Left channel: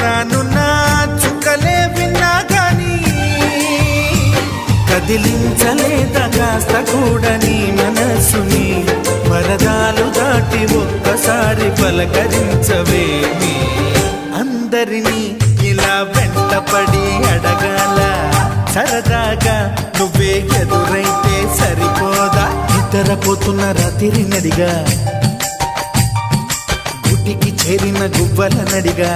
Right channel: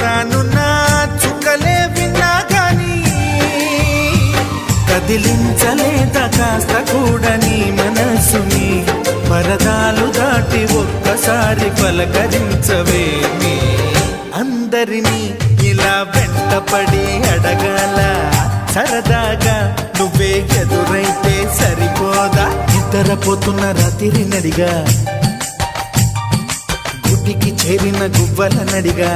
రానున్న చుక్కలే విన్నా గాని కదిలించలేదా కాస్త కూడా నీ మనసుని పరదాలు దాటి ఒక్కసారి పలకరించవేమి అందరినీ ఇలా వెంటపడి అడగాల సరదాగా నువ్వే ఎదురైతే సరిపోదా నిద్రపోతున్న రాత్రి నడిగా గుటికి చేరిన గువ్వల నడిగా